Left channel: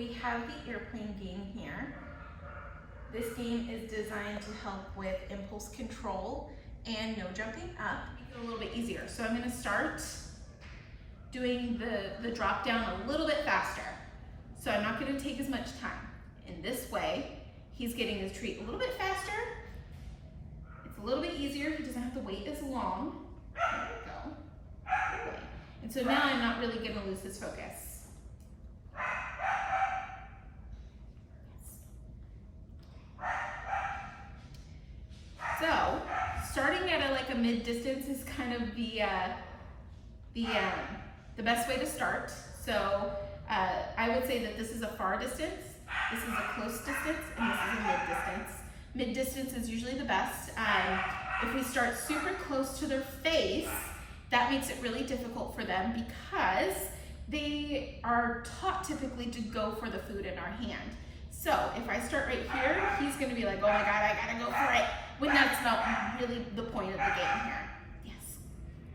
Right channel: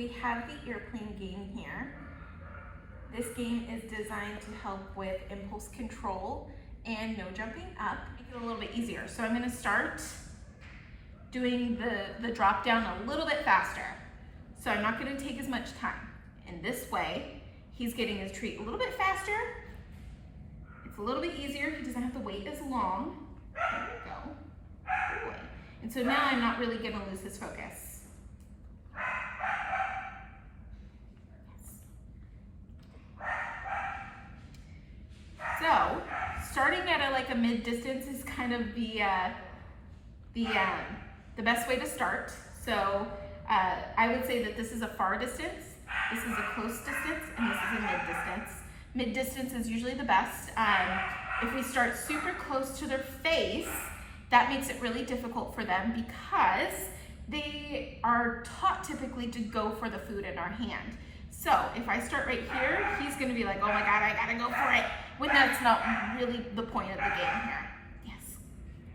we have the airplane game here. This game is designed to help with impulse control and no jumping up. Make it a little bit easier. So I'm gonna start doing the drop down a little bit faster. So I'm not gonna take as much time. In this way, he's getting his treat a little bit faster. It's a little bit easier. He doesn't have to wait as long. There we go. Good boy. And so now I'm not really gonna lose his focus. So, starting at like a mid distance is kind of the best way to start. So, I would say that this is a far distance, this is a close distance, and this is a mid distance. Mid distance is usually the best. If we start super close to their face, that makes it really difficult for them because they are taught typically to go for the food in our hand. So if I start right here, he's gonna be like, oh my God, I gotta go for it, when that's not really the point of the game here. Yes.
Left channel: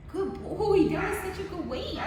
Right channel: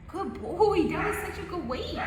Good boy, that was such a good weight.